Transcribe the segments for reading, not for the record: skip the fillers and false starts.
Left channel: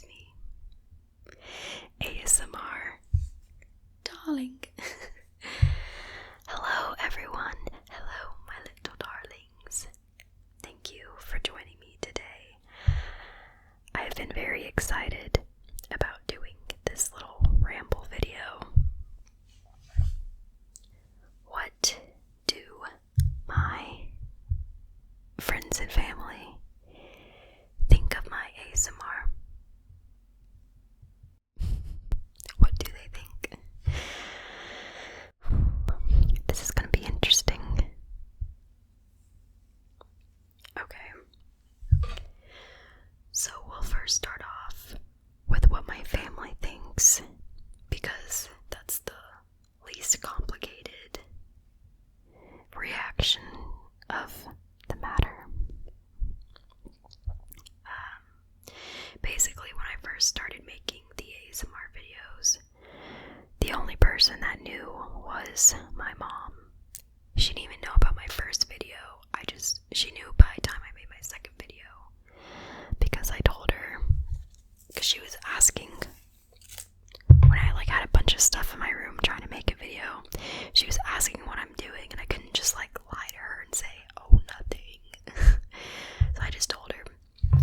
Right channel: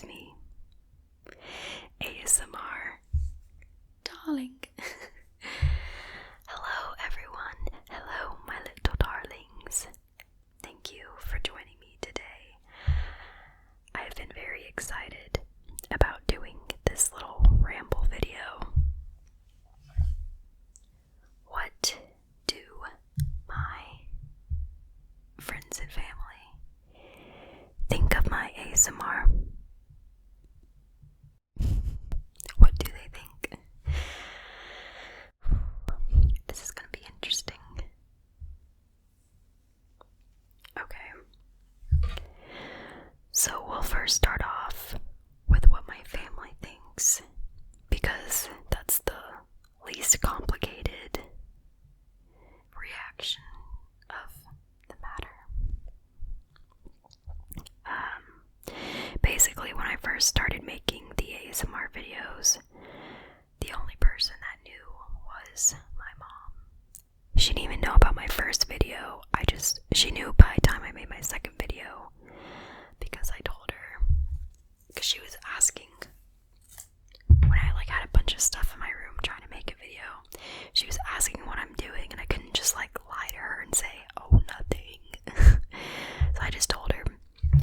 it's me, ASMR darling. Hello everyone, hello my little darlings. Thank you for joining me today. I have been very excited about doing this little ramble video. What do my friends and family think of my ASMR? What do they think? This is going to be interesting. Okay. So we'll first start off with what my family thinks, because that's the least complicated reaction of the matter. Basically, when I first started making the ASMR videos, the only person that knew was my mom. She didn't even know about my first video. She knew by the time I made my second video, because I told her, because she was asking when I had a bunch of stuff in my room trying to make a video. She was asking what I'm doing, and I couldn't just lie to her and say, oh, nothing. So I just told her,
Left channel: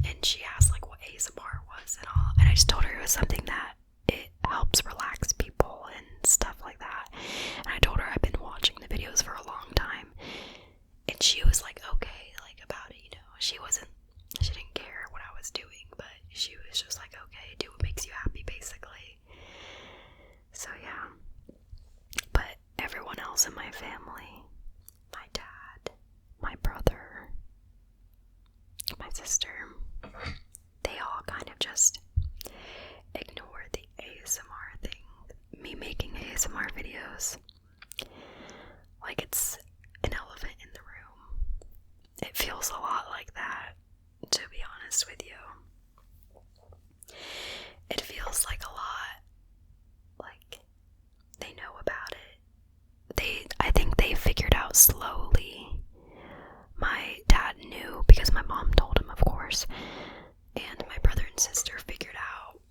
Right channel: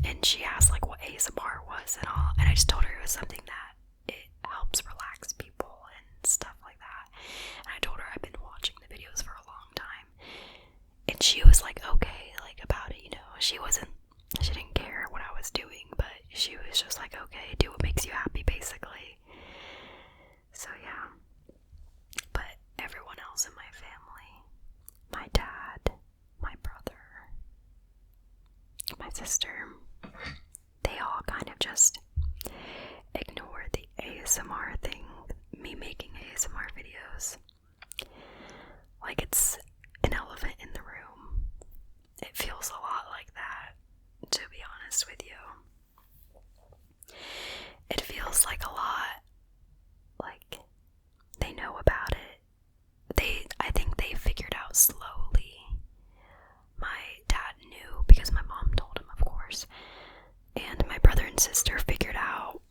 and she asked what ASMR was and all, and I just told her it was something that it helps relax people and stuff like that. And I told her I've been watching the videos for a long time, and she was okay about it, she didn't care what I was doing, but she was just okay, do what makes you happy, basically. So yeah. But everyone else in my family, my dad, my brother, my sister, they all kind of just ignore the ASMR thing, me making ASMR videos, like it's an elephant in the room. It feels a lot like that, to be honest with you. It feels like a lot like they know about it. I think they figured out slowly. My dad knew because my mom told him, of course, and my brother and sister figured out.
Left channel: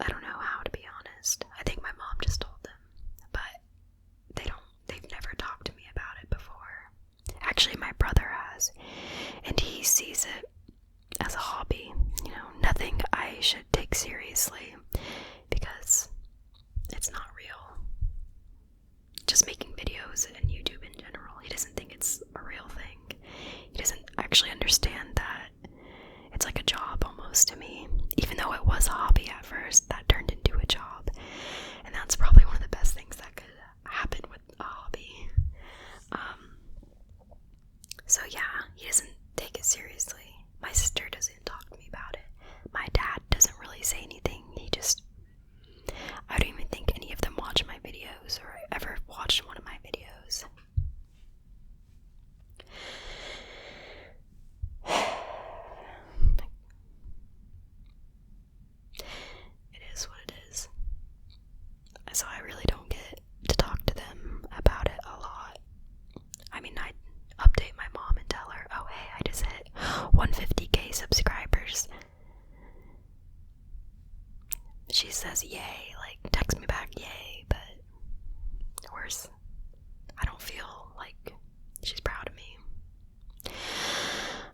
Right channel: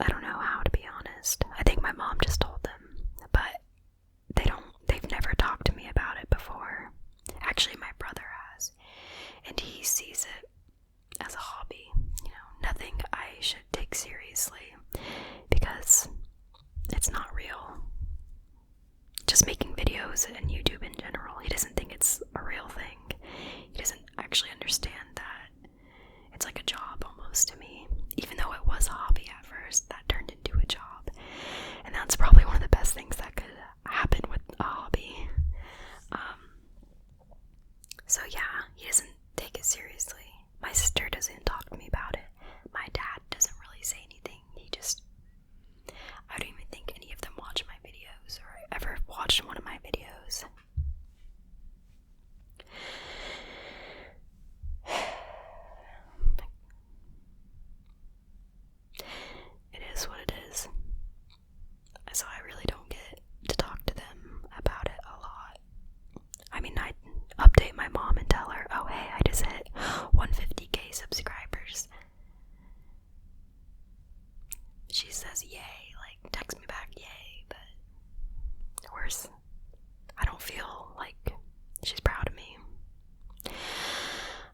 I don't know how, to be honest. I think my mom just told them, but they've never talked to me about it before. Actually, my brother has, and he sees it as a hobby, nothing I should take seriously, because it's not real. Just making videos and YouTube in general, he doesn't think it's a real thing. He doesn't actually understand that it's like a job almost to me. Even though it was a hobby at first, that turned into a job. And that's probably one of the best things that could happen with a hobby. So yeah, he doesn't take it seriously. My sister doesn't talk to me about it. My dad doesn't really say anything. I don't even think any of them watch my videos or ever watched one of my videos. It is what it is. So I really don't get to talk to them about it a lot. I mean, I update my mom and tell her, oh hey, I just hit 150k subscribers. She says yay, text me back yay, but worse, I don't feel like she's proud of me.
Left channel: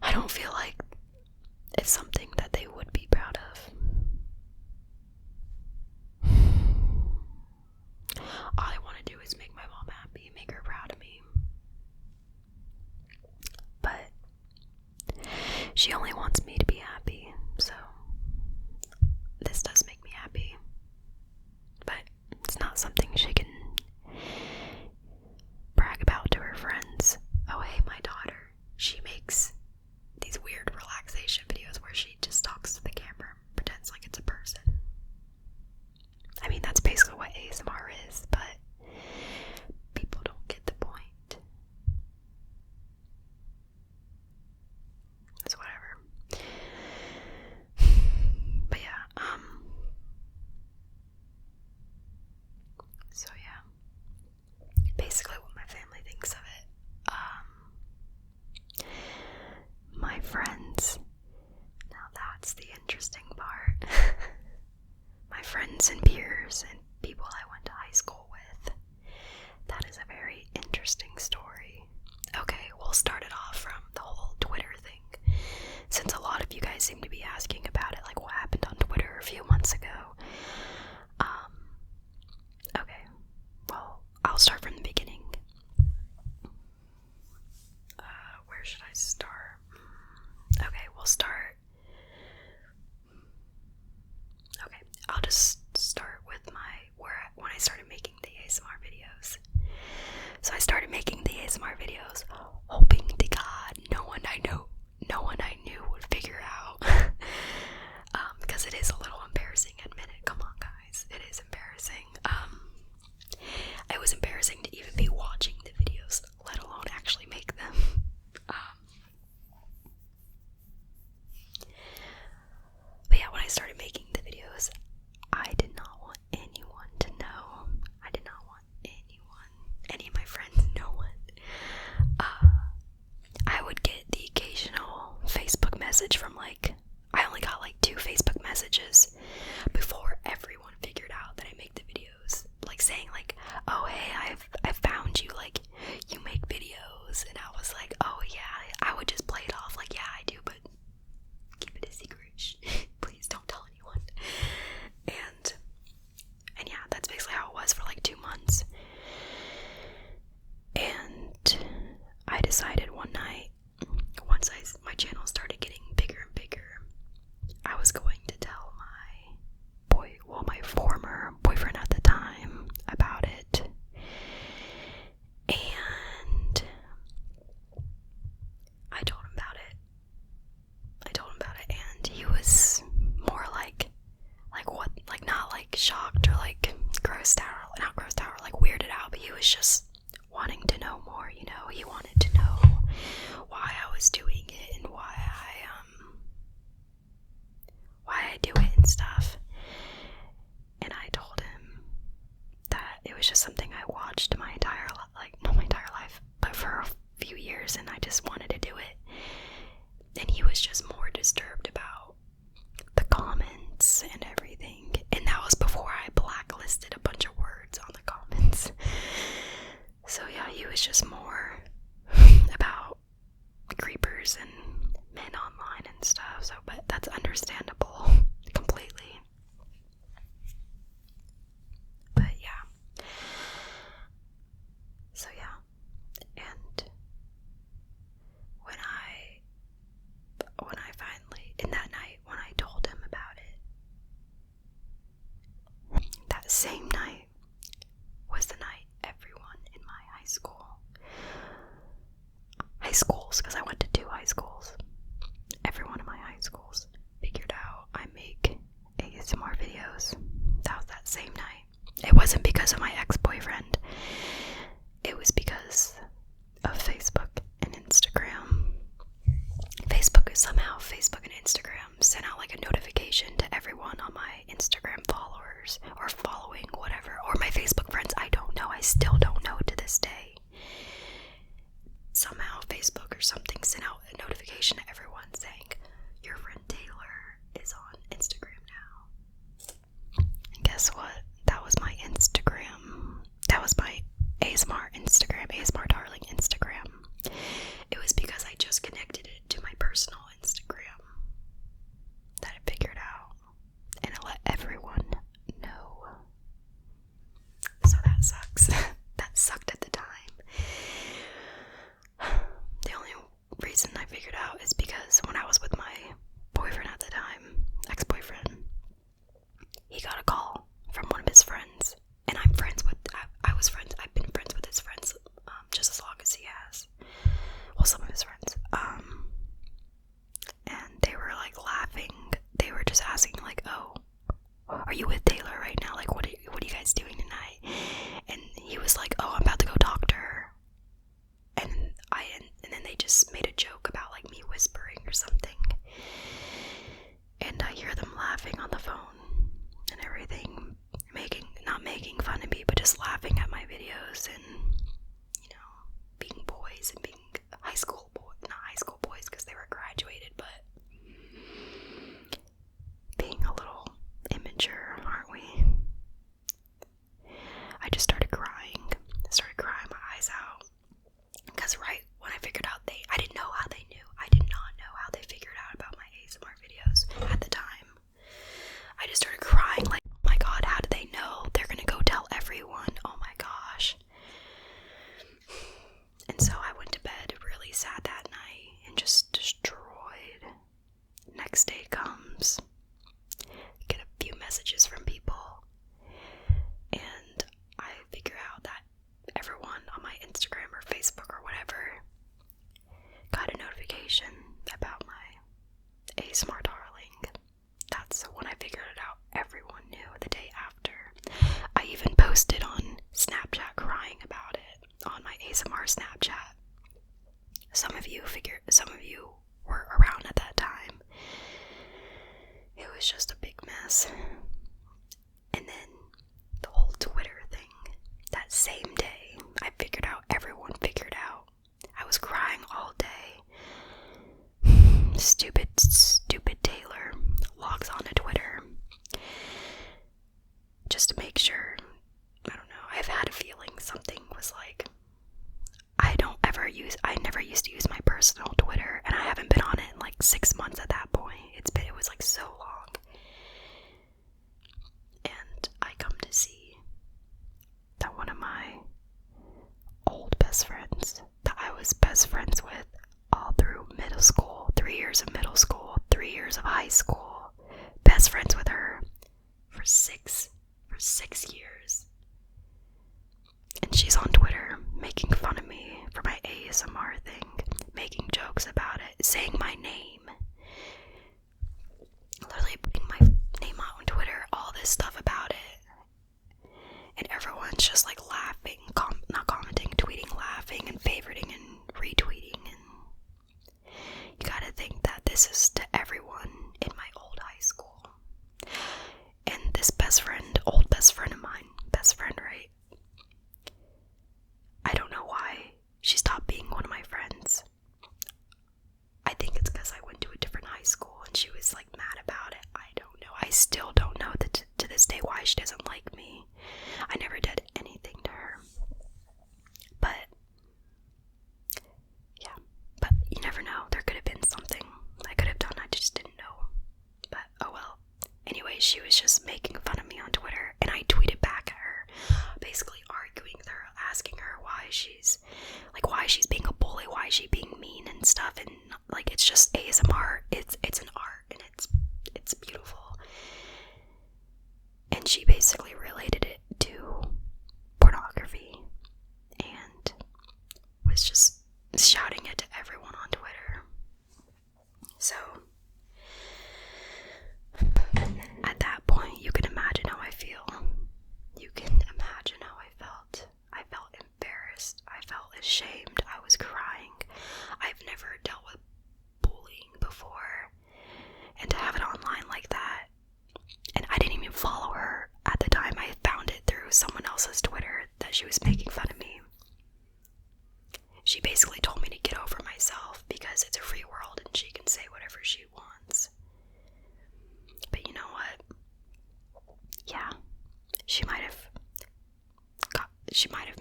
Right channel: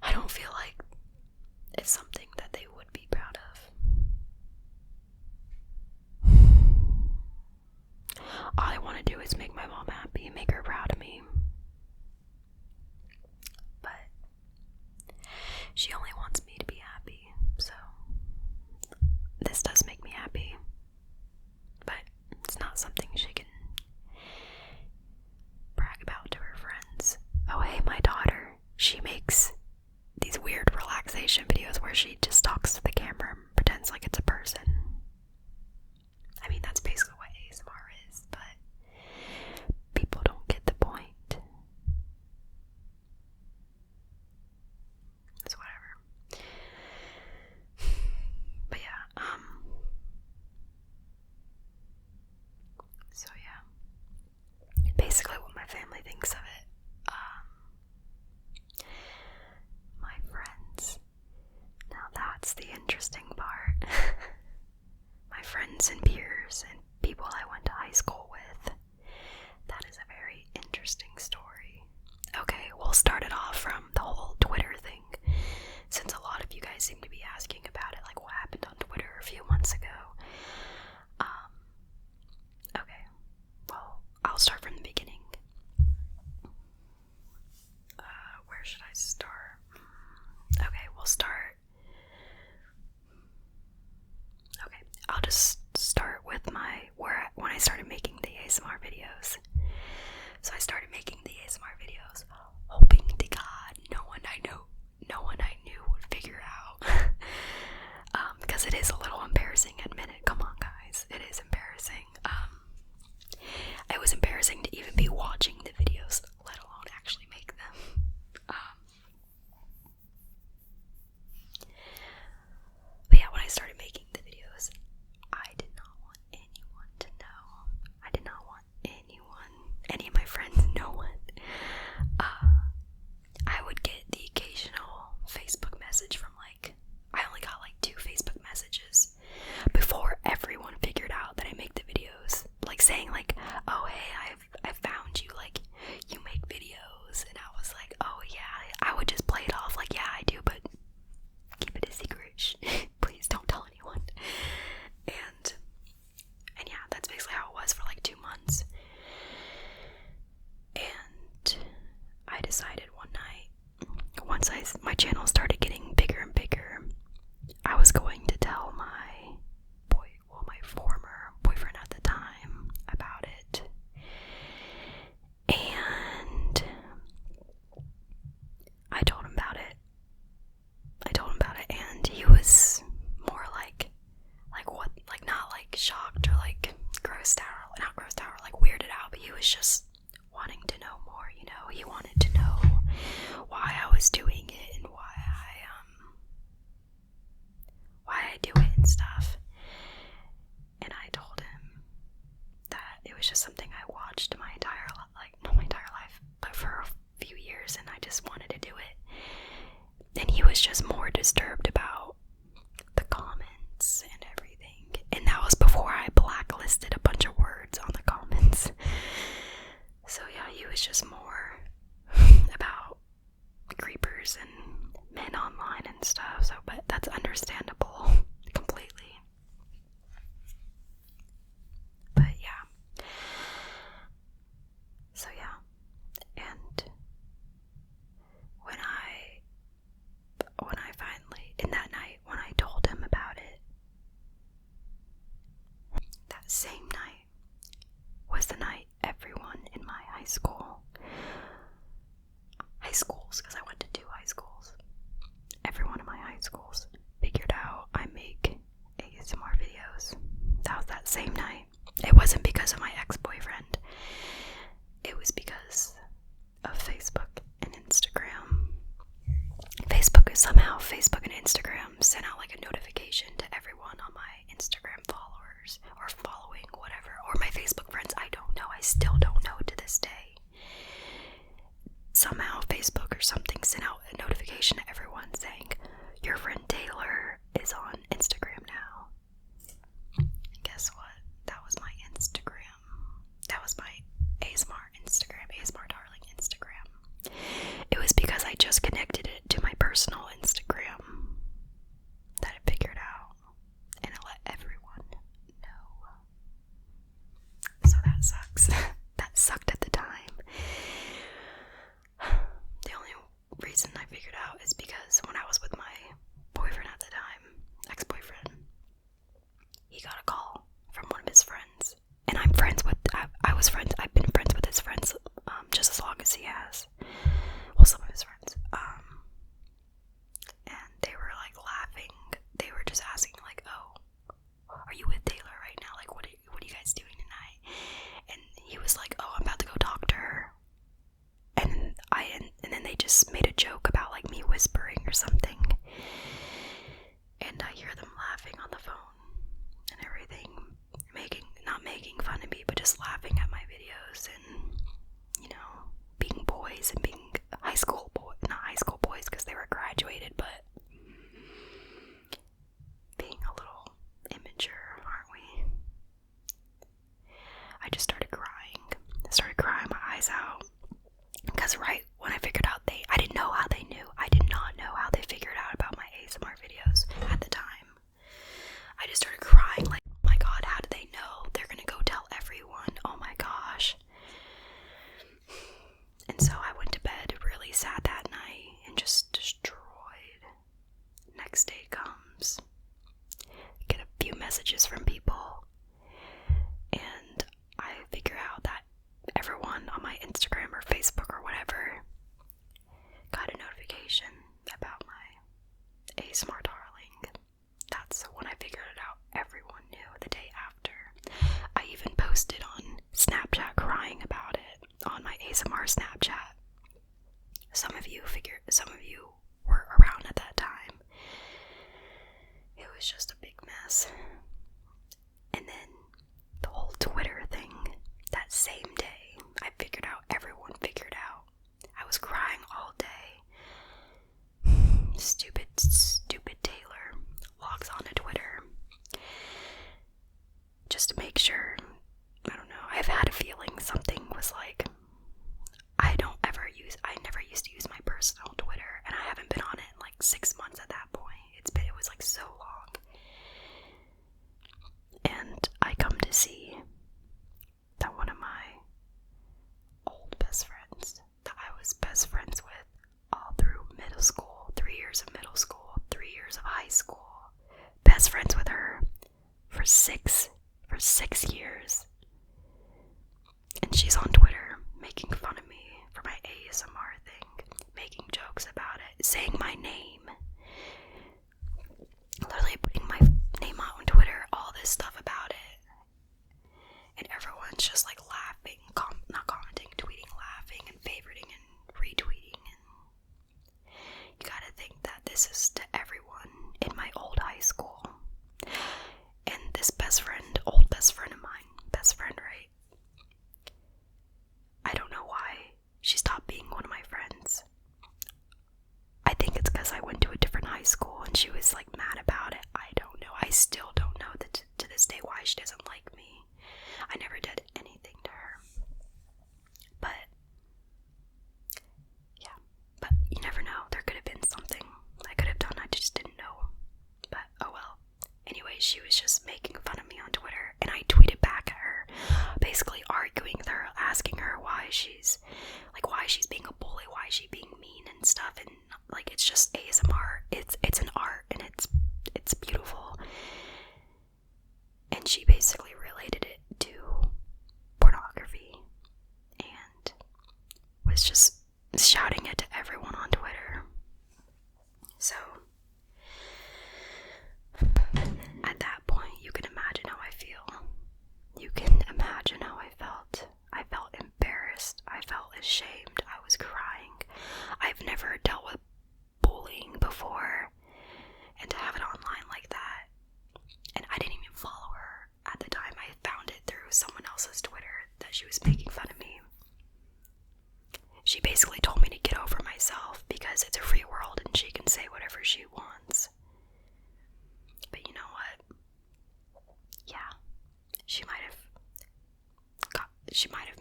I don't feel like it's something that they would be proud of. All I want to do is make my mom happy and make her proud of me. But she only wants me to be happy, so this does make me happy. But it's not something she can brag about to her friends. Oh hey, my daughter, she makes these weird relaxation videos where she just talks to the camera and pretends like it's a person. I mean, that's basically what ASMR is, but people don't get the point. It's whatever. But yeah, start? Okay, we'll start. Okay, I'll just start with when I started making the ASMR videos. So I started making the ASMR videos, hoping to God no one I knew would figure out. Because it is a little embarrassing, admit it. Come on, guys, it is embarrassing. It was embarrassing to even be watching the videos, let alone actually make them. But yeah, when I started making the videos, I did not want anyone to know. I did not want any of my friends, no one. I would get the occasional Facebook message from I only got 2 Facebook messages before everyone figured out that I make the videos, saying oh hey, I found you, you make videos, and I was like, oh yeah. I would just play it off yeah, I do, but keep it a secret. Please don't tell anyone. And yeah, that's basically how it was for 2 months. And I decided one night, once my channel started getting bigger and bigger, I was going to tell my former boyfriend at the time about it. And I told him about it. And he was more what, not shocked or grossed out, not grossed out or weirded out, but he was just wanting to know more, he wanted to know why I was doing it and why I do it and stuff. And I told him that it was just something I watched my entire not my entire life, but for a few years, and I just wanted to do it. And he was just more disturbed about the comments and everything. And that was before I blacklisted a bunch of words on the comments. So yeah, he was just more about creepers and men online and stuff. So, but that's understandable completely. But yeah. So yeah. And when I finally, in that night, when I told him about it, that same night was the night everyone in my high schools, because I went to 2 high schools, everyone in my high schools figured out I make ASMR videos. That was that same night. It wasn't because of my ex-boyfriend. It was because of Facebook and Instagram. Facebook and Instagram sent out a notification to everyone on my Instagram followers, or following, whatever, or my Facebook friends. I don't know. I still don't know to this day. Somehow Facebook or something sent out a notification to everyone saying, your friend Taylor is on Instagram now. And guess what? That was my Instagram. That was my ASMR Instagram, ASMR Darling Instagram. It was because I just connected it to my personal Instagram that it figured out, and it let everyone know. So that sucks. That sucked at the time. The only reason I figured out is because when I was with my boyfriend at the time, ex-boyfriend, he got a call from one of his friends, and I've been friends with his friends just as long as he has. Well, some of his friends. And they were laughing. They were just asking oh, are you with Taylor right now? What are you guys doing tonight? And he was oh, I'm about to go talk to her. And then they just made a joke about me whispering or something. And I hear them laughing on the phone and everything, not making fun of me, but just laughing at my videos and, being boys and being not high school boys because they were graduated, but being a little immature, aren't we? I just started crying my eyes out, because right when I figured out I didn't know how they knew. I did not know was just a big mess. And then the whole Twitter thing, that same day, everyone figured out. I was crying all day. Stupid Taylor logs on to Twitter just to make sure. I don't know, I've had a feeling something was like, I never used to use my personal Twitter, and I haven't been on it in like 6 months at that point. It was like so long. And I come to see that one of my old best friends that I was best friends with all through middle school, 3 years of middle school, 3 years of high school, best friends with her for six years. And she's on Twitter making fun of me for my ASMR thing, making jokes about it, saying my name, literally putting my name out on Twitter, all this stuff about it. And everyone's just like laughing, not commenting, tweeting, laughing, and favoriting and retweeting. And you gotta think that this is to everyone in my old high school. And this old best friend of mine, right? I don't know why she stopped being one of my friends. I think it's because I went to a different high school and she was like mad about it. I don't know. I still don't know to this day why she doesn't like me. I never did anything to her. But yeah, but you never know. There could have been something I could have done. I just didn't know. But oh well. Anyway, she was just making fun of me on Twitter, and I tweeted back at her, basically arguing with her, asking her why she's being a bully, why is she being mean and stuff, and like, it's just ASMR, it's an art, and it's beautiful. And she basically related it to pornography and was just shouting it to everyone on Twitter. So at that point, you can imagine how I feel. You can imagine how I felt. I felt embarrassed. I felt ashamed. I was crying. I've never dealt with bullying before, and to have it online like that. And I didn't even follow her at the time. I found it through someone else's Twitter that she was making fun of me. She basically told me to get over myself because it's a free world and she can say whatever she wants. But you know what? Yeah, she might have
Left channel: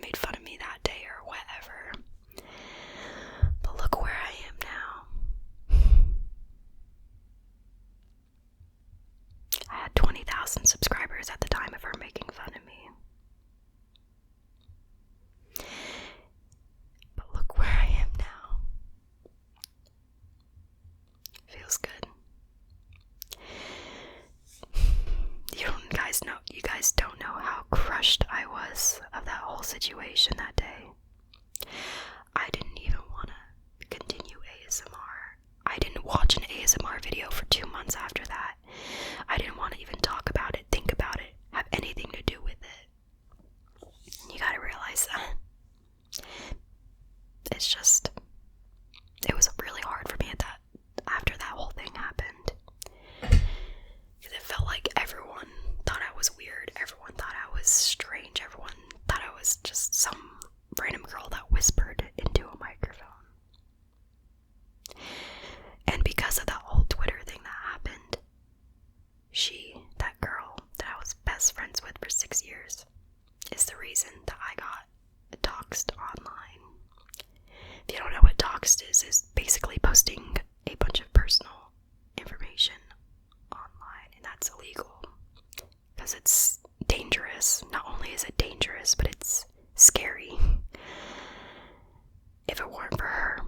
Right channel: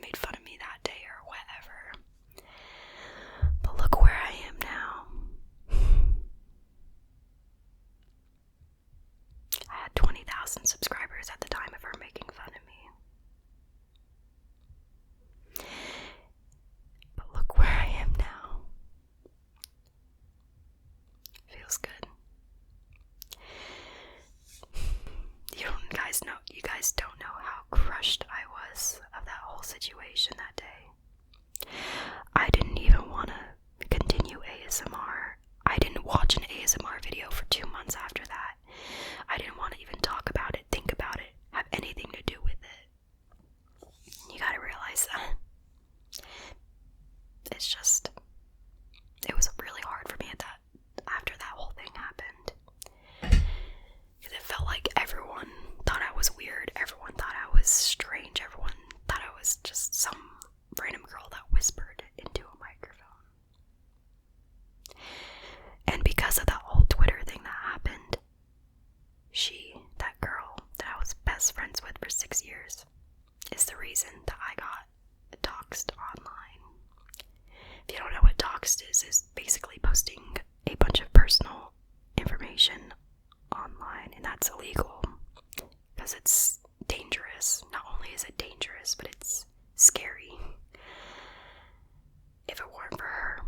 made fun of me that day or whatever. But look where I am now. I had 20,000 subscribers at the time of her making fun of me. But look where I am now. Feels good. You guys don't know how crushed I was of that whole situation that day. I didn't even want to continue ASMR. I didn't watch an ASMR video for 2 months after that. I didn't want to even talk about it, think about it, have anything to do with it. You gotta realize that. It was really hard for me after that whole thing happened. Because it felt like everyone thought I was weird, everyone thought I was strange, everyone thought I was just some random girl that whispered into a microphone. And because of that whole Twitter thing that happened, that girl that I was best friends with for 6 years, is the reason that I got doxxed online. If you don't know what doxxed is basically posting a bunch of personal information online, and that's illegal because it's dangerous. Not only is it dangerous, but it's scary. If it weren't for her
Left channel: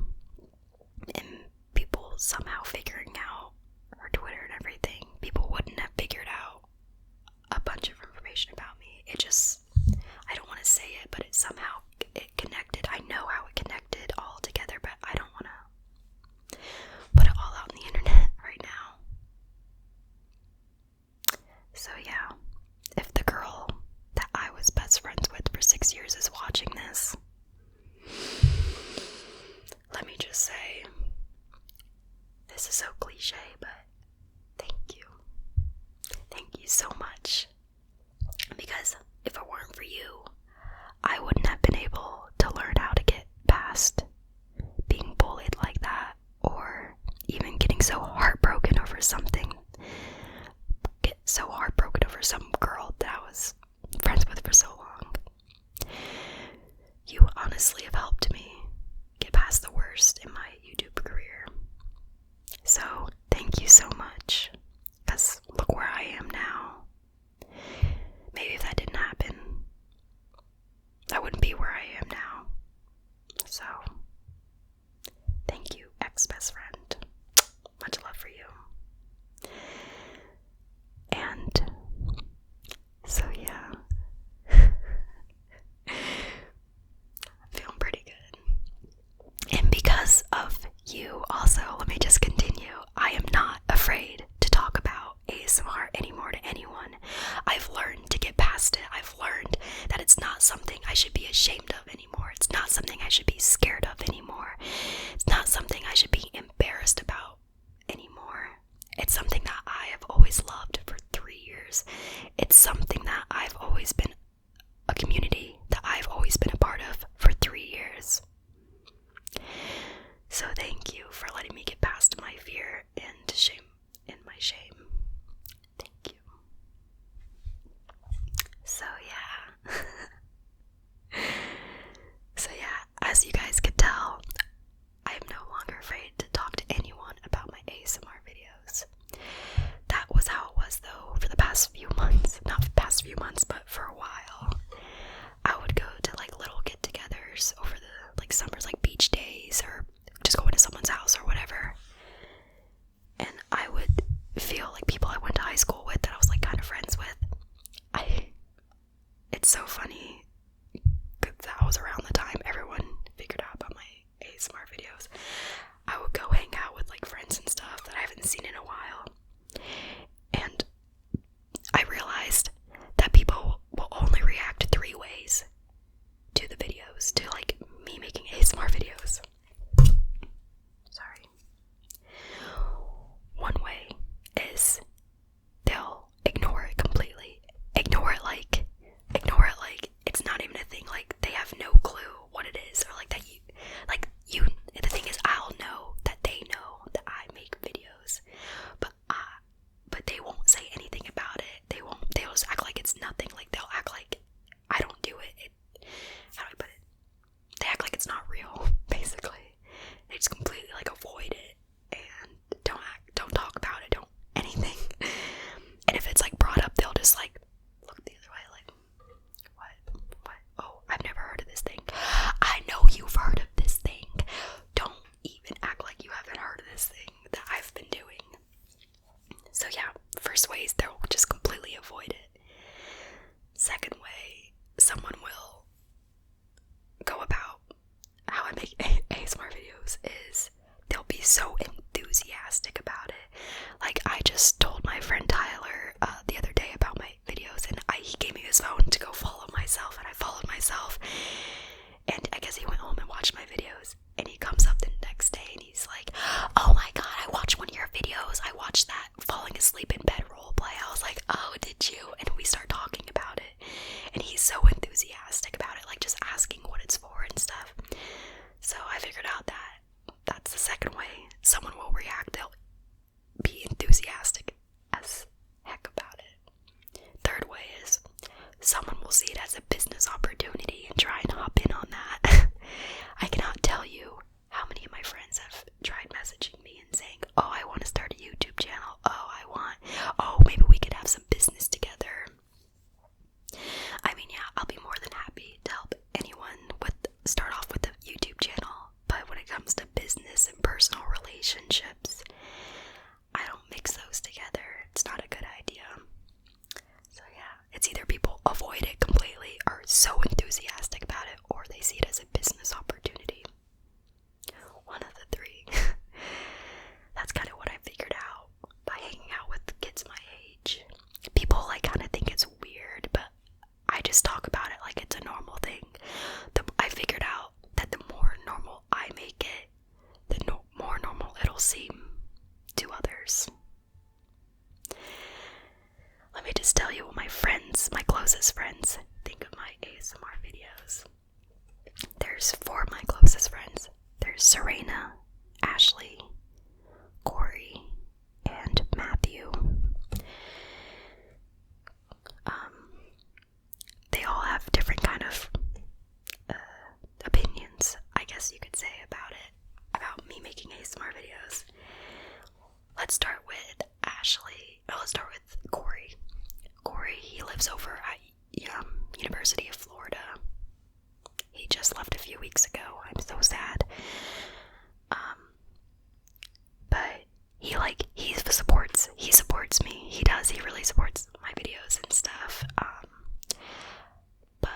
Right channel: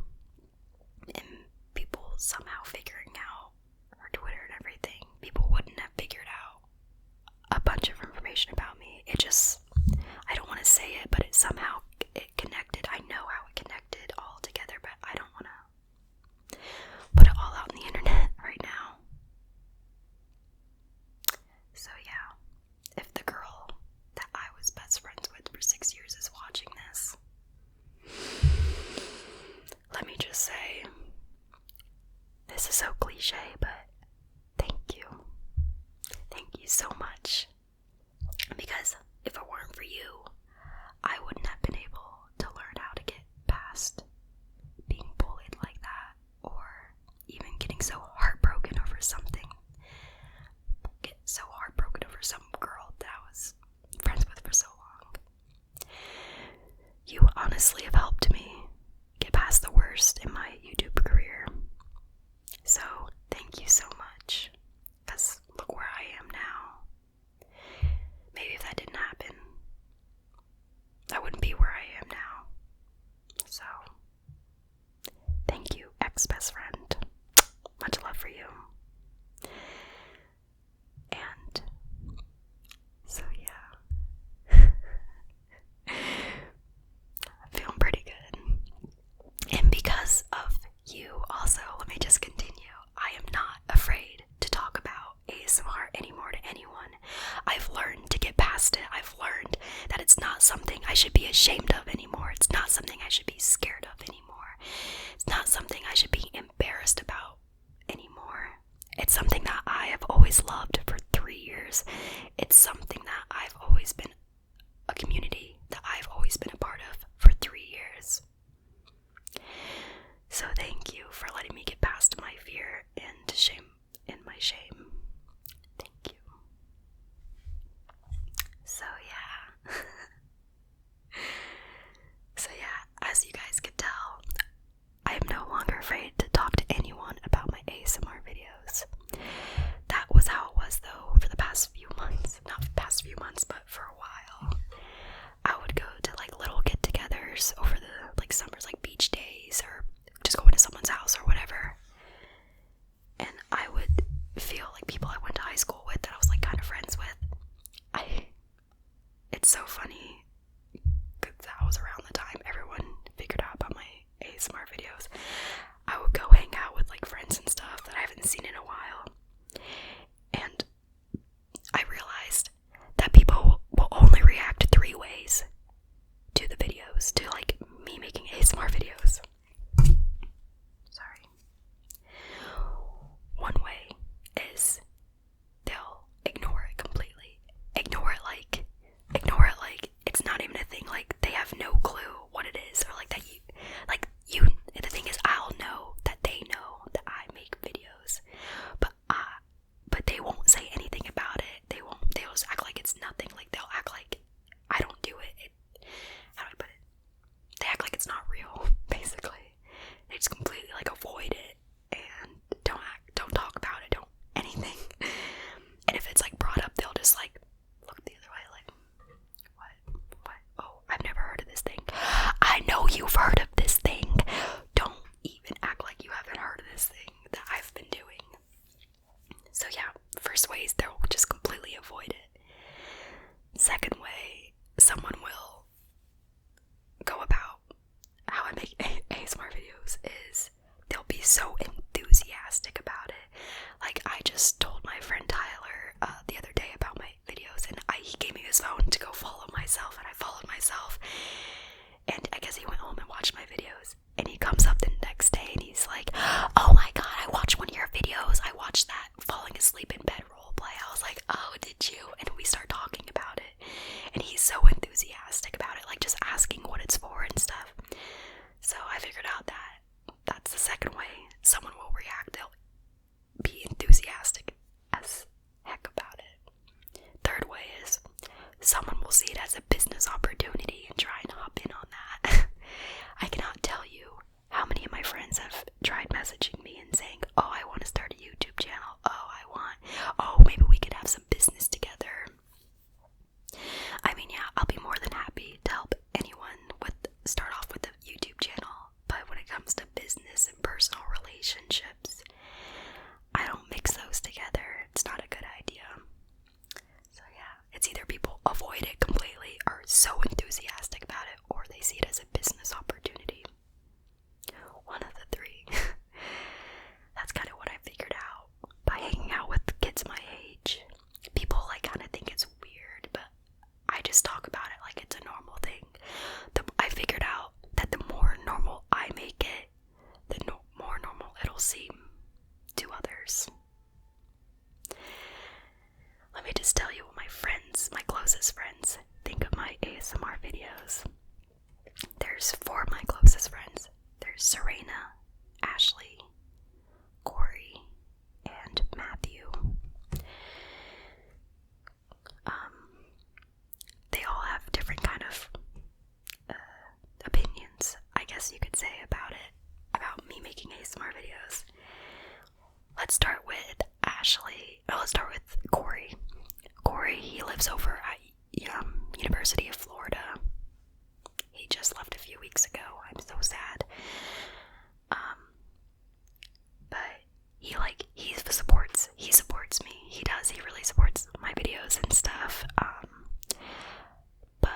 and people somehow figuring out her Twitter and everything, people wouldn't have figured out a bunch of information about me. I don't want to say it, but it connected. I know how it connected all together, but I don't want to put it all out on the internet right now. So yeah, if the girl that I was best friends with for 6 years is watching this, let me just say, this is so cliche, but thank you. so much. Because if it weren't for you, I wouldn't have been able to learn how to get past being bullied like that, or even getting so heartbroken over something. Get so heartbroken over some girl that I was friends with for so long. You honestly have helped me get past the worst in my YouTube career. So, thank you so much. Because look where I am now. Maybe if that didn't happen, I wouldn't be where I am now. So, thank you, ex-best friend. Much love for you. And so yeah, I'm feeling pretty good. And because of you also, let me just continue. I am not afraid to talk about ASMR anymore to anyone. I've learned to get past it. I've learned that it's not something I should be ashamed of anymore. It's not something I should be scared of anymore. It's not something I should be embarrassed about anymore. It's something that I have always loved for 3 years. It's something that I've always been, a community that I've always been a part of for 3 years. So thank you for letting me get past my fear and shame, and my shame. Thank you. So yeah, as you guys could tell, I am no longer afraid to talk to anyone about my ASMR videos. That was how it was though for the past few months. Not the past few months, but for a while. I would go to like little get-togethers over the like summers, like beach days, or just go into someone's house or whatever. And I would feel like people I went to high school with, that I was like kind of friends with. It's so funny because that was around the time everyone figured out about my ASMR videos. I would go hang out with like friends and stuff that I haven't seen in a while. And I realized that people will only react 3 ways to the videos, to like me making ASMR videos. Sorry. One way is they'll ignore it completely. Ignore it like it's not even a thing. Like they have no clue what it is, or like that you the thing is, I'll know that they know that I make videos, but they won't say anything about it. They'll just act like it's nothing. Like they'll act like I don't do it. How do I put it? They act like it's not real, basically. They just completely like avoid it and don't talk about it, don't anything. And if it's like brought up, they'll just like look the other way, like, what? Oh, I've never heard of this thing. I know you've heard of this thing. Don't even act like you haven't heard of this thing that I've been doing. So yeah, first way is they'll just completely avoid it. Second way, someone will go about how I make ASMR videos is they'll be so enthusiastic about it. Like I just told my friend Tyler the other day about my videos, and he gave me his phone to go follow myself, and I followed myself, and I guess he went home and watched my videos, and he comes up the next day and he's like, oh my god, I watched one of your videos. I watched that falling asleep in bed roleplay. I was like, oh, did you? And we start talking about it, and he's so enthusiastic about it, like just asking what it's for and stuff. So I figured out that that's the second way someone will react. They'll be enthusiastic as heck about it. Third way is someone will see it as a business opportunity and try and hop in on that. I cannot tell you how many of my friends have tried messaging me and saying, oh, I want to start a YouTube channel. Oh, maybe we could have some business together. I mean, yeah, I'll be more than happy to help anyone start off with a YouTube channel. But when it comes to business and personal relationships, I don't mix those together. It's not a good idea. So yeah, it's either people avoid it completely, or so enthusiastic about it, or they see it as a business opportunity. One of the 3. That's kind of what I figured out by hanging out with kids my age. People like kind of think it's weird, but I just talk about it like it's a normal thing. I figured out that the more normal I make it, the more normal it'll seem to others. Let me just tell you what my closest friends, think of my ASMR videos. There's 4 of my closest friends. There's Serena, Ashley, Corey, and Matthew. They all have different kind of opinions, I guess you could say, about me making ASMR videos. Let's start with let's start with Corey. Corey, he lives over at University of Florida. He just left a few weeks ago. I'm so sad. But he supports me. He really supports my videos and stuff. But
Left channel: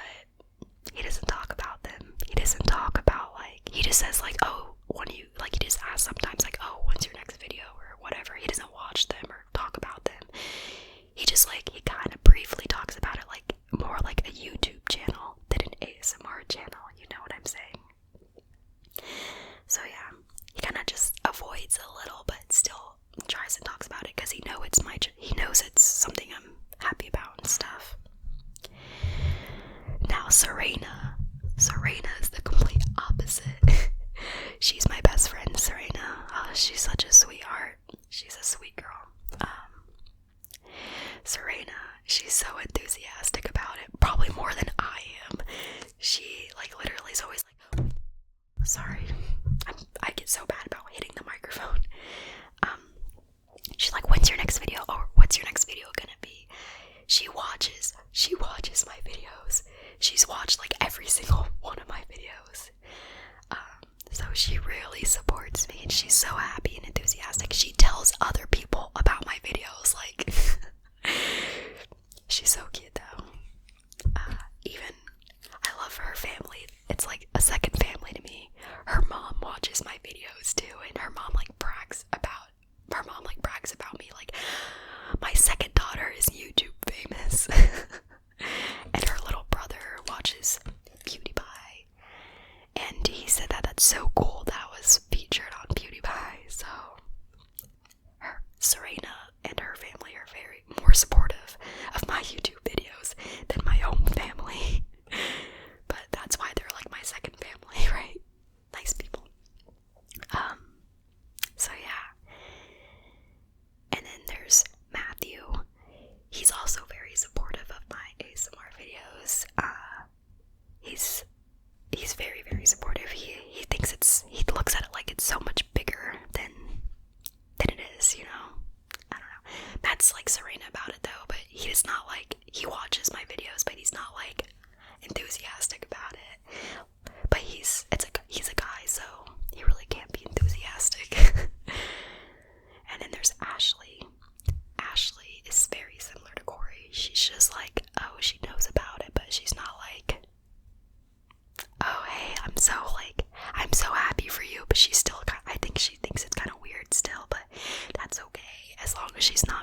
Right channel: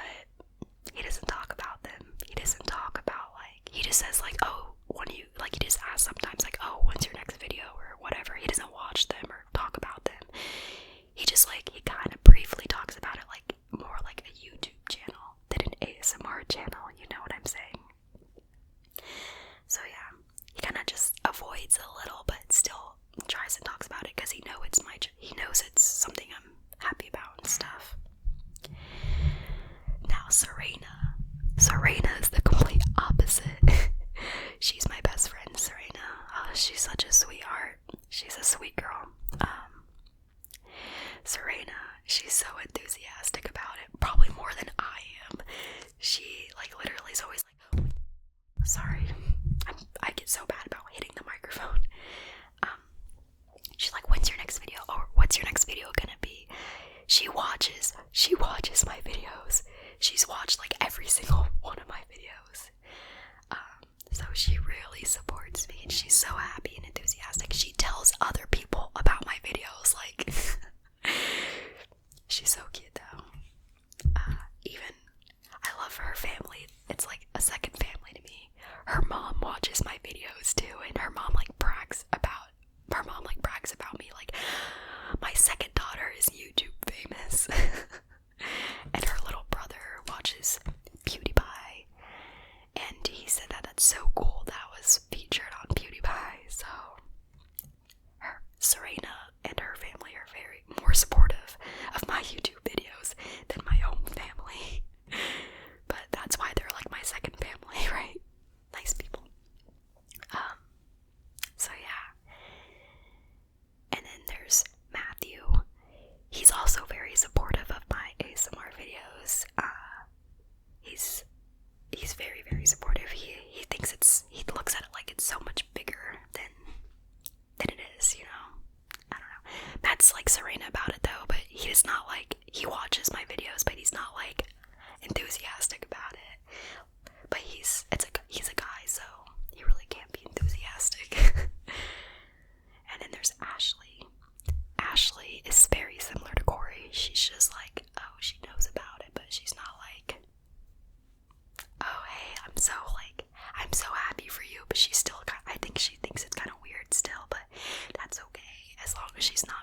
he doesn't talk about them. He doesn't talk about, he just says, oh, he just asks sometimes, oh, when's your next video, or whatever. He doesn't watch them or talk about them. He just, he kind of briefly talks about it, more like a YouTube channel than an ASMR channel, you know what I'm saying? So, yeah, he kind of just avoids a little, but still tries and talks about it, because he knows it's something I'm happy about and stuff. Now, Serena is the complete opposite. She's my best friend, Serena. She's such a sweetheart. She's a sweet girl. Serena, she's so enthusiastic about it, probably more than I am. She, literally is always sorry, I get so bad about hitting the microphone. She's like, when's your next video, or what's your next video gonna be? She watches my videos. She's watched every single one of my videos. So she really supports me, and she's so happy and enthusiastic. She tells other people about my videos, she's so cute though. Even, I love her family. It's like a second family to me. Her mom watches my videos too, and her mom brags about me, my second daughter is YouTube famous. And her little brother watches PewDiePie, and he said that that's so cool that was featured on PewDiePie. So Serena and her family are very more supportive of my YouTube videos than my own family. But that's why they're my second family, right? Nice people. So yeah. And then there's Matthew. He's also very supportive of my ASMR videos. He's very, very supportive. He thinks he looks at it like it's so much bigger than it is, you know? I don't know. Matt's like Serena about it though, but he is not he watches my videos, but he's not enthusiastic about it. But he's a guy, so he really can't be enthusiastic. And then there's Ashley. Ashley is very similar to Corey. She's just oh, she knows about it, but she's not oh, hey, I'm so happy for you, but she's still I think she thinks it's kind of weird still, but that's okay, as long as she's not